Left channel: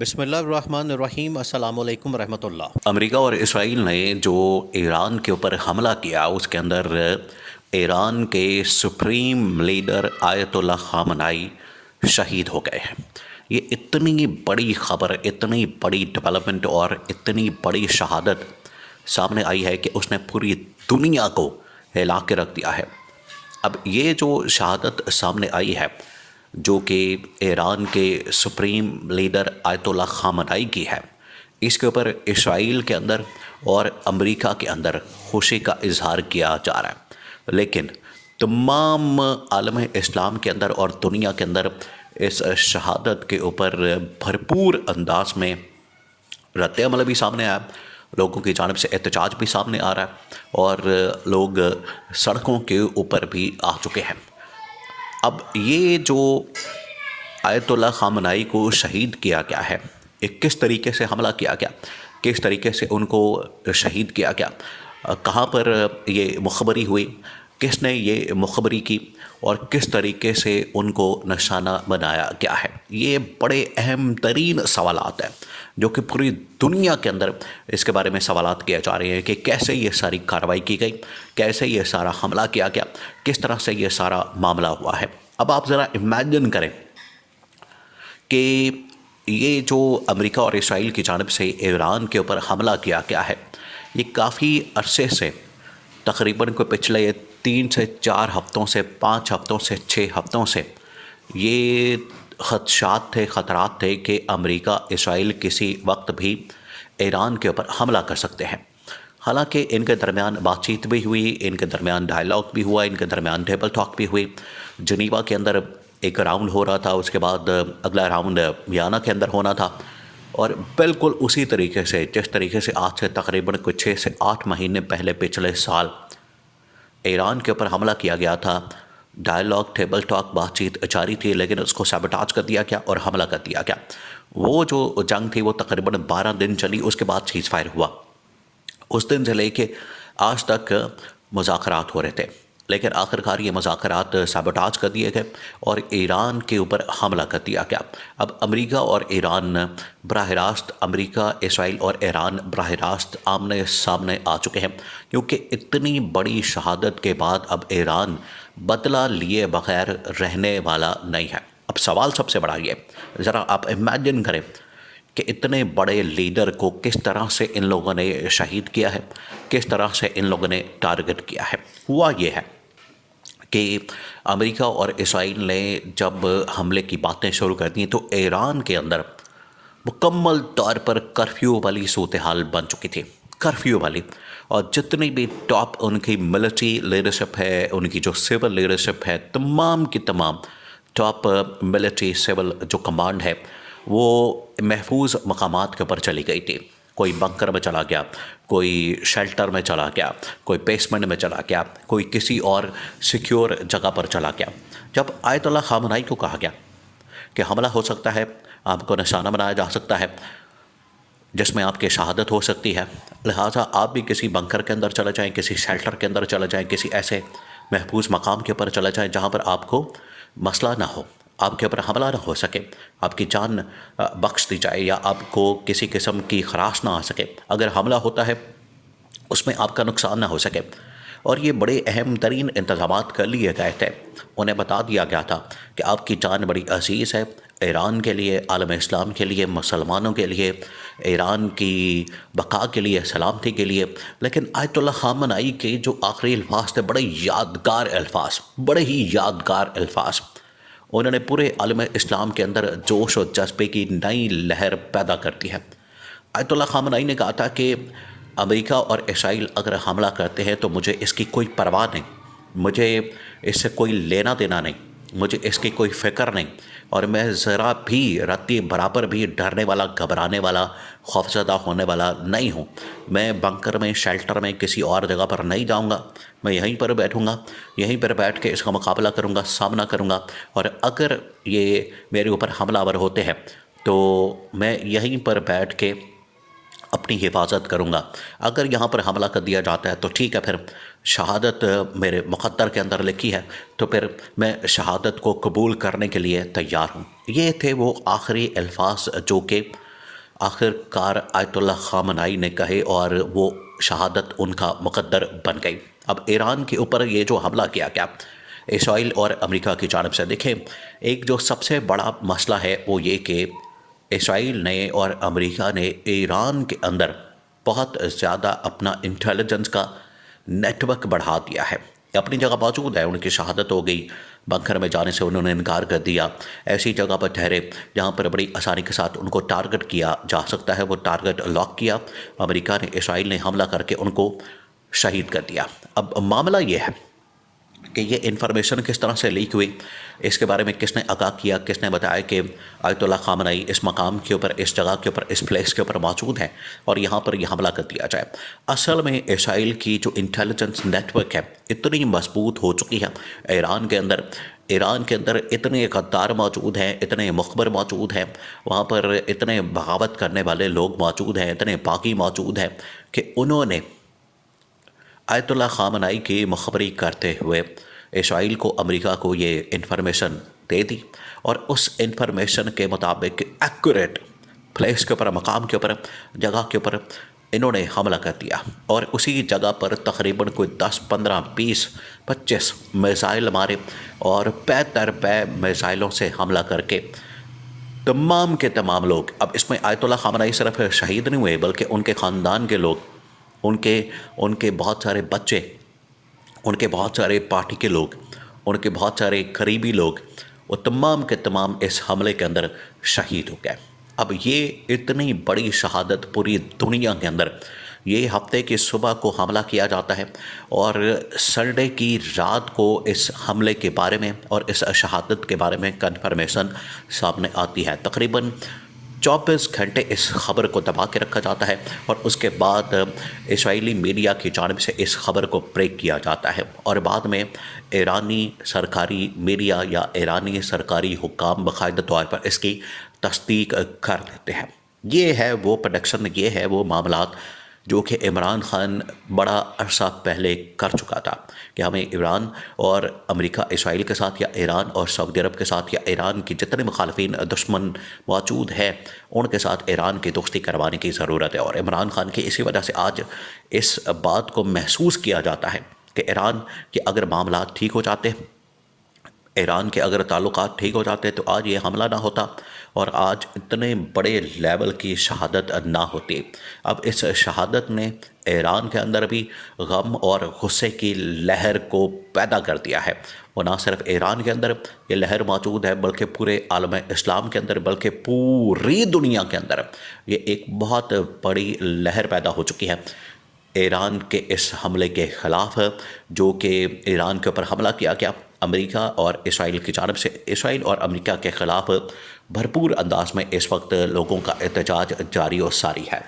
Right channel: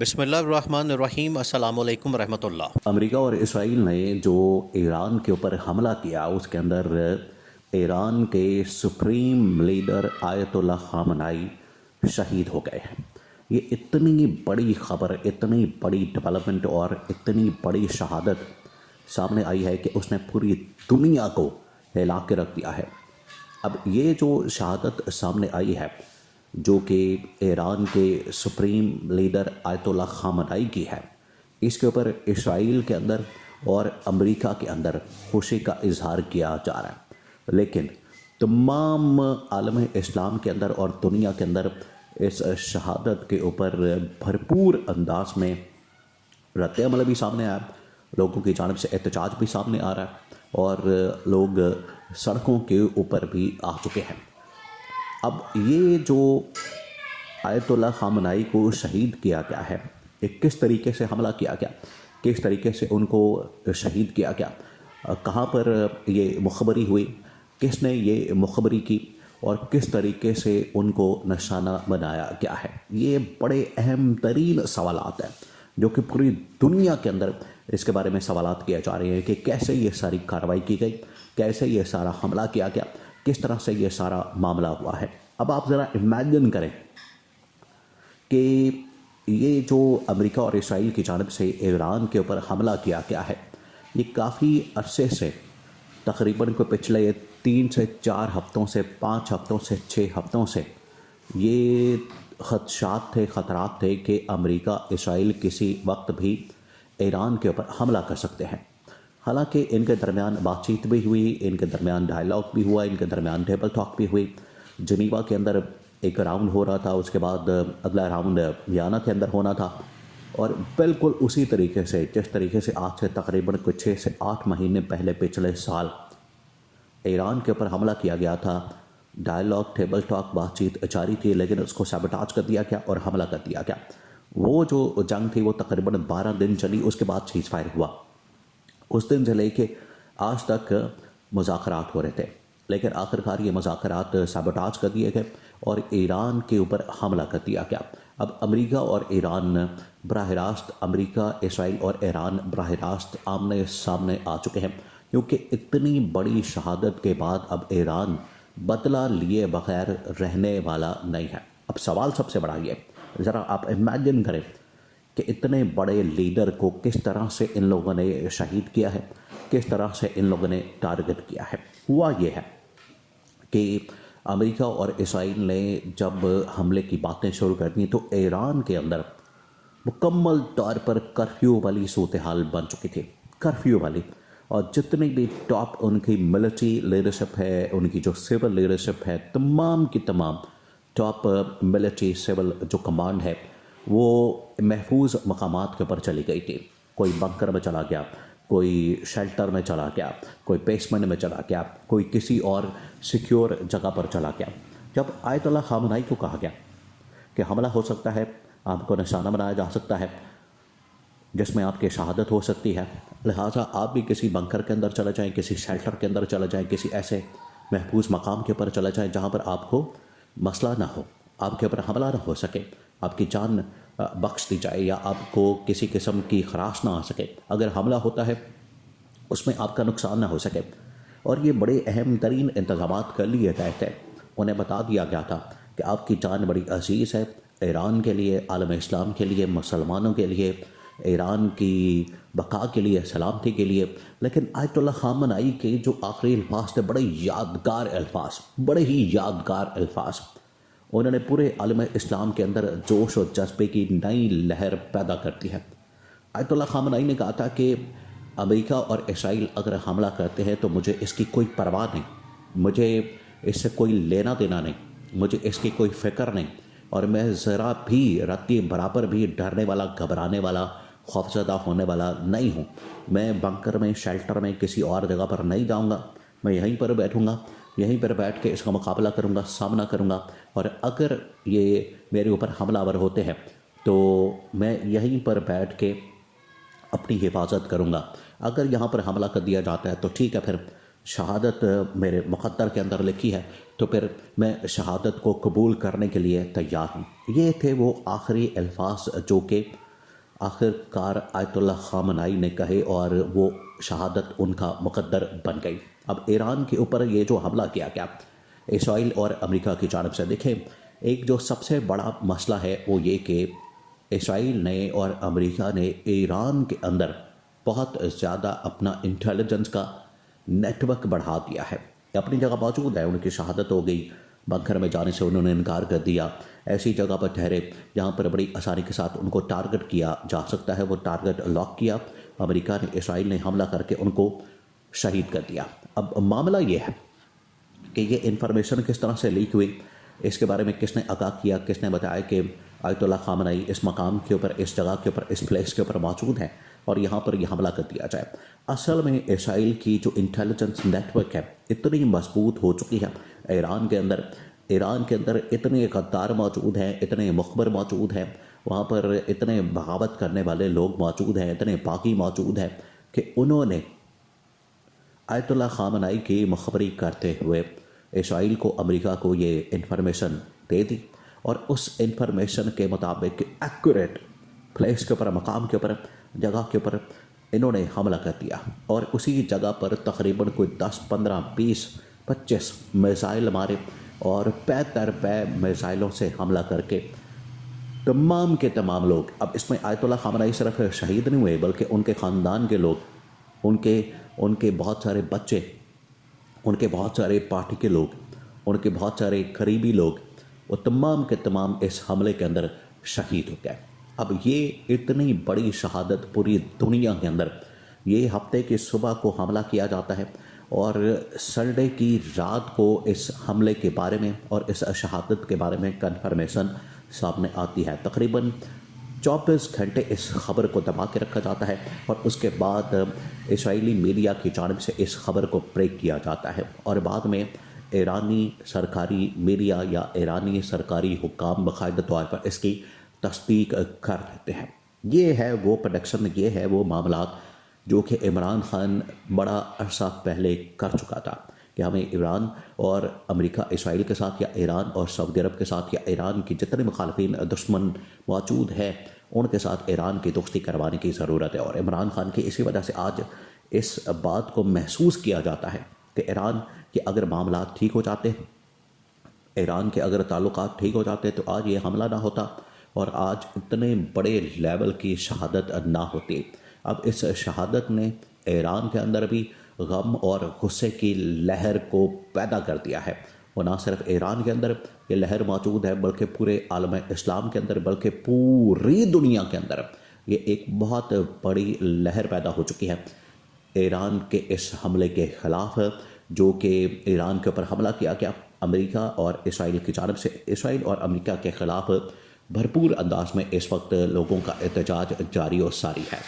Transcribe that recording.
بسم اللہ الرحمن الرحیم، السلام علیکم ورحمۃ اللہ۔ امریکہ اور اسرائیل نے جو ایران کے اوپر حملہ کیا اس کے اندر ایران کے سپریم لیڈر آیت اللہ خامنائی شہید ہو گئے ہیں۔ یہ اتنی بڑی خبر، اتنی بڑی ڈیولپمنٹ اور اتنی بڑی شہادت سامنے آئی ہے کہ اس نے پوری دنیا کو ہلا کے رکھ دیا ہے۔ اب یہ جو شہادت سامنے آئی ہے جو کہ ایران کے سپریم لیڈر آیت اللہ خامنائی کی ہے، اس کے اوپر اسرائیل کے اندر اور امریکہ کے اندر خوشی کا اظہار کیا جا رہا ہے، لیکن تمام عالم اسلام کے اندر اور دنیا کے اندر اس شہادت کے اوپر بھرپور انداز میں رد عمل بھی سامنے آیا، لوگوں کی جانب سے احتجاج بھی سامنے آ رہا ہے اور لوگ سڑکوں کے اوپر بھی آ چکے ہیں۔ اب یہ جو آیت اللہ خامنائی کو شہید کیا گیا ہے، ایک کس طریقے سے حملہ کیا گیا، کس طریقے سے ان کو شہید کیا گیا، کہاں پر یہ مخبری ہوئی، کس نے یہ مخبری کی اور کس طریقے سے ان کو نشانہ بنایا گیا ہے، یہ بڑے اہم ترین سوالات ہیں جو کہ پوری دنیا کے اندر اس کے بارے میں سوالات کیے جا رہے ہیں کہ کیسے یہ ساری کارروائی کی گئی، کیسے یہ سارا حملہ کیا گیا، کس طرح سے یہ سارا معاملہ ہوا ہے۔ اب آپ ذرا امیجن کریں کہ یہ جو امریکہ اور اسرائیل کی جانب سے ایران کے اوپر حملہ کیا گیا ہے، یہ کافی عرصے سے تقریباً کوئی پچھلے 3 سے 4 ہفتوں سے 5 ہفتوں سے 6 ہفتوں سے یہ خدشات تھے، خطرات تھے کہ امریکہ اسرائیل کسی وقت بھی ایران کے اوپر حملہ کر سکتے ہیں۔ حالانکہ ان کے درمیان بات چیت بھی ہوئی، ان کے درمیان ڈائلاگ بھی ہوا، ان کے درمیان ٹیبل ٹاک بھی ہوئی، جنیوا کے اندر ایک راؤنڈ ہو رہا تھا، اس کے بعد اگلا راؤنڈ ویانا کے اندر ہونا تھا، اور بالکل اسی طریقے سے جس طریقے سے آج سے تقریباً کوئی 6 سے 8 مہینے پہلے پچھلے سال ایران کے اوپر حملہ کیا گیا تھا، ڈائلاگ، ٹیبل ٹاک، بات چیت جاری تھی، لیکن اس کو سیبوٹاج کر دیا گیا اور حملہ کر دیا گیا۔ وہ جو جنگ تھی وہ تقریباً 12 دن چلی، اس کے بعد سیز فائر ہوا۔ اس دن سے لے کے آج تک مذاکرات ہو رہے تھے، لیکن آخرکار یہ مذاکرات سیبوٹاج کر دیے گئے اور ایران کے اوپر حملہ کر دیا گیا۔ اب امریکہ اور ایران براہ راست، امریکہ، اسرائیل اور ایران براہ راست آمنے سامنے آ چکے ہیں، کیونکہ اتنی بڑی شہادت کے بعد اب ایران بدلہ لیے بغیر رہنے والا نہیں ہے۔ اب سوال سب سے بڑا یہ، ذرا آپ امیجن کریں کہ اتنے بڑے لیڈر کو کس طرح سے ان لوگوں نے شہید کیا ہے، کس طرح سے ان لوگوں نے ٹارگٹ کیا ہے۔ ہوا یہ ہے کہ امریکہ اور اسرائیل نے جب حملے کی باتیں شروع کر دیں تو ایران کے اندر مکمل طور پر کرفیو والی صورتحال بن چکی تھی، کرفیو والی، اور جتنی بھی ٹاپ ان کی ملٹری لیڈرشپ ہے، ان کی جو سول لیڈرشپ ہے، تمام کی تمام ٹاپ ملٹری سول جو کمانڈ ہے وہ محفوظ مقامات کے اوپر چلی گئی تھی۔ کوئی بنکر میں چلا گیا، کوئی شیلٹر میں چلا گیا، کوئی بیسمنٹ میں چلا گیا، کوئی کسی اور سیکیور جگہ پر چلا گیا۔ جب آیت اللہ خامنائی کو کہا گیا کہ حملہ ہو سکتا ہے، آپ کو نشانہ بنایا جا سکتا ہے جس میں آپ کی شہادت ہو سکتی ہے، لہٰذا آپ بھی کسی بنکر کے اندر چلے جائیں، کسی شیلٹر کے اندر چلے جائیں، کسی ایسے محفوظ مقام کے اوپر چلے جائیں جہاں پر آپ کو مسئلہ نہ ہو، آپ کے اوپر حملہ نہ ہو سکے، آپ کی جان بخش دی جائے یا آپ کو کسی قسم کی خراش نہ آ سکے، اگر حملہ ہوتا ہے اس میں آپ کا نقصان نہ ہو سکے۔ اور یہ بڑے اہم ترین انتظامات کر لیے گئے تھے، انہیں بتا دیا گیا تھا کہ آپ کی جان بڑی عزیز ہے، ایران کے لیے، عالم اسلام کے لیے، مسلمانوں کے لیے، ایران کی بقا کے لیے، سلامتی کے لیے۔ لیکن آیت اللہ خامنائی کے جو آخری الفاظ تھے بڑے یادگار الفاظ، بڑے ہی یادگار الفاظ، انہوں نے پورے عالم اسلام کے اندر جوش و جذبے کی نئی لہر پیدا کر دی ہے۔ آیت اللہ خامنائی نے کہا تھا کہ امریکہ اور اسرائیل اگر حملہ کرتے ہیں تو مجھے اس کی کوئی پرواہ نہیں، مجھے اس سے کوئی لینا دینا نہیں، مجھے اس کی کوئی فکر نہیں، اور میں ذرا بھی رتی برابر بھی ڈرنے والا، گھبرانے والا، خوفزدہ ہونے والا نہیں ہوں۔ میں بنکر میں، شیلٹر میں، کسی اور جگہ پر نہیں جاؤں گا، میں یہیں پر بیٹھوں گا، یہیں پر بیٹھ کے اس کا مقابلہ کروں گا، سامنا کروں گا، اور اگر یہ میرے اوپر حملہ آور ہوتے ہیں تو میں یہیں پر بیٹھ کے اپنی حفاظت کروں گا۔ اگر یہاں پر حملہ کر دیا جاتا ہے تو ٹھیک ہے، پھر شہادت میرے مقدر کے اندر لکھی ہے، تو پھر میں شہادت کو قبول کرنے کے لیے تیار ہوں۔ یہ تھے وہ آخری الفاظ جو کہ آخر کار آیت اللہ خامنائی نے کہے اور وہ شہادت ان کا مقدر بن گئی۔ اب ایران کے اوپر یہ جو حملہ کیا گیا اسرائیل اور امریکہ کی جانب سے، دیکھیں ایک جو سب سے بڑا مسئلہ ہے وہ یہ کہ اسرائیل نے اور امریکہ نے ایران کے اندر بہت زیادہ اپنا انٹیلیجنس کا نیٹ ورک بڑھا دیا ہے۔ اپنی جگہ موجود ہے، ان کی شہادت ہو گئی، بنکر میں جانے سے انہوں نے انکار کر دیا، ایسی جگہ پر ٹھہرے جہاں پر بڑی آسانی کے ساتھ ان کو ٹارگٹ کیا جا سکتا ہے، وہ ٹارگٹ لاک کیا، امریکہ نے اسرائیل نے حملہ کر کے ان کو شہید کر دیا۔ اب معاملہ یہ ہے کہ یہ انفارمیشن کس طرح سے لیک ہوئی، اس کے بارے میں کس نے آگاہ کیا، کس نے بتایا کہ آیت اللہ خامنائی اس مقام کے اوپر، اس جگہ کے اوپر، اس پلیس کے اوپر موجود ہیں اور یہاں پر یہ حملہ کر دیا جائے۔ اصل میں اسرائیل کی جو انٹیلیجنس نیٹ ورک ہے اتنی مضبوط ہو چکی ہے ایران کے اندر اتنے غدار موجود ہیں، اتنے مخبر موجود ہیں، وہاں پر اتنے بغاوت کرنے والے لوگ موجود ہیں، اتنے باغی موجود ہیں کہ انہوں نے آیت اللہ خامنائی کی مخبری کرتے ہوئے اسرائیل کو، امریکہ کو یہ انفارمیشن دے دی اور اس انفارمیشن کے مطابق ایکوریٹ پلیس کے اوپر، مقام کے اوپر، جگہ کے اوپر انہوں نے حملہ کر دیا اور اسی جگہ پر تقریباً کوئی 10 15 20 25 میزائل مارے اور پے در پے میزائلوں سے حملہ کر کے تمام کے تمام لوگ، اب اس میں آیت اللہ خامنائی صرف شہید نہیں ہوئے بلکہ ان کے خاندان کے لوگ، ان کے بہت سارے بچے، ان کے بہت سارے پارٹی کے لوگ، ان کے بہت سارے قریبی لوگ، وہ تمام کے تمام اس حملے کے اندر شہید ہو گئے۔ اب یہ اتنی بڑی شہادت پوری دنیا کے اندر، یہ ہفتے کی صبح کو حملہ کیا جاتا ہے اور سنڈے کی رات کو اس حملے کے بارے میں اور اس شہادت کے بارے میں کنفرمیشن سامنے آتی ہے۔ تقریباً 24 گھنٹے اس خبر کو دبا کے رکھا جاتا ہے اور اس کے بعد اسرائیلی میڈیا کی جانب سے اس خبر کو بریک کیا جاتا ہے اور بعد میں ایرانی سرکاری میڈیا یا ایرانی سرکاری حکام باقاعدہ طور پر اس کی تصدیق کر دیتے ہیں۔ یہ ہے وہ پروڈکشن، یہ ہے وہ معاملات جو کہ عمران خان بڑا عرصہ پہلے کر چکا تھا کہ ہمیں ایران اور امریکہ اسرائیل کے ساتھ، یا ایران اور سعودی عرب کے ساتھ، یا ایران کی جتنے مخالفین دشمن موجود ہیں ان کے ساتھ ایران کی دوستی کروانے کی ضرورت ہے۔ اور عمران خان کی اسی وجہ سے آج اس بات کو محسوس کیا جاتا ہے کہ ایران کے اگر معاملات ٹھیک ہو جاتے، ایران کے اگر تعلقات ٹھیک ہو جاتے تو آج یہ حملہ نہ ہوتا اور آج اتنے بڑے لیول کی شہادت نہ ہوتی۔ اب اس شہادت نے ایران کے اندر بھی غم اور غصے کی لہر کو پیدا کر دیا ہے۔ وہ نہ صرف ایران کے اندر یہ لہر موجود ہے بلکہ پورے عالم اسلام کے اندر، بلکہ پوری دنیا کے اندر یہ ایک بہت بڑی لہر پیدا ہو چکی ہے ایران کے اس حملے کے خلاف، جو کہ ایران کے اوپر حملہ کیا گیا امریکہ اور اسرائیل کی جانب سے۔ اسرائیل اور امریکہ کے خلاف بھرپور انداز میں اس وقت لوگوں کا احتجاج جاری و ساری ہے۔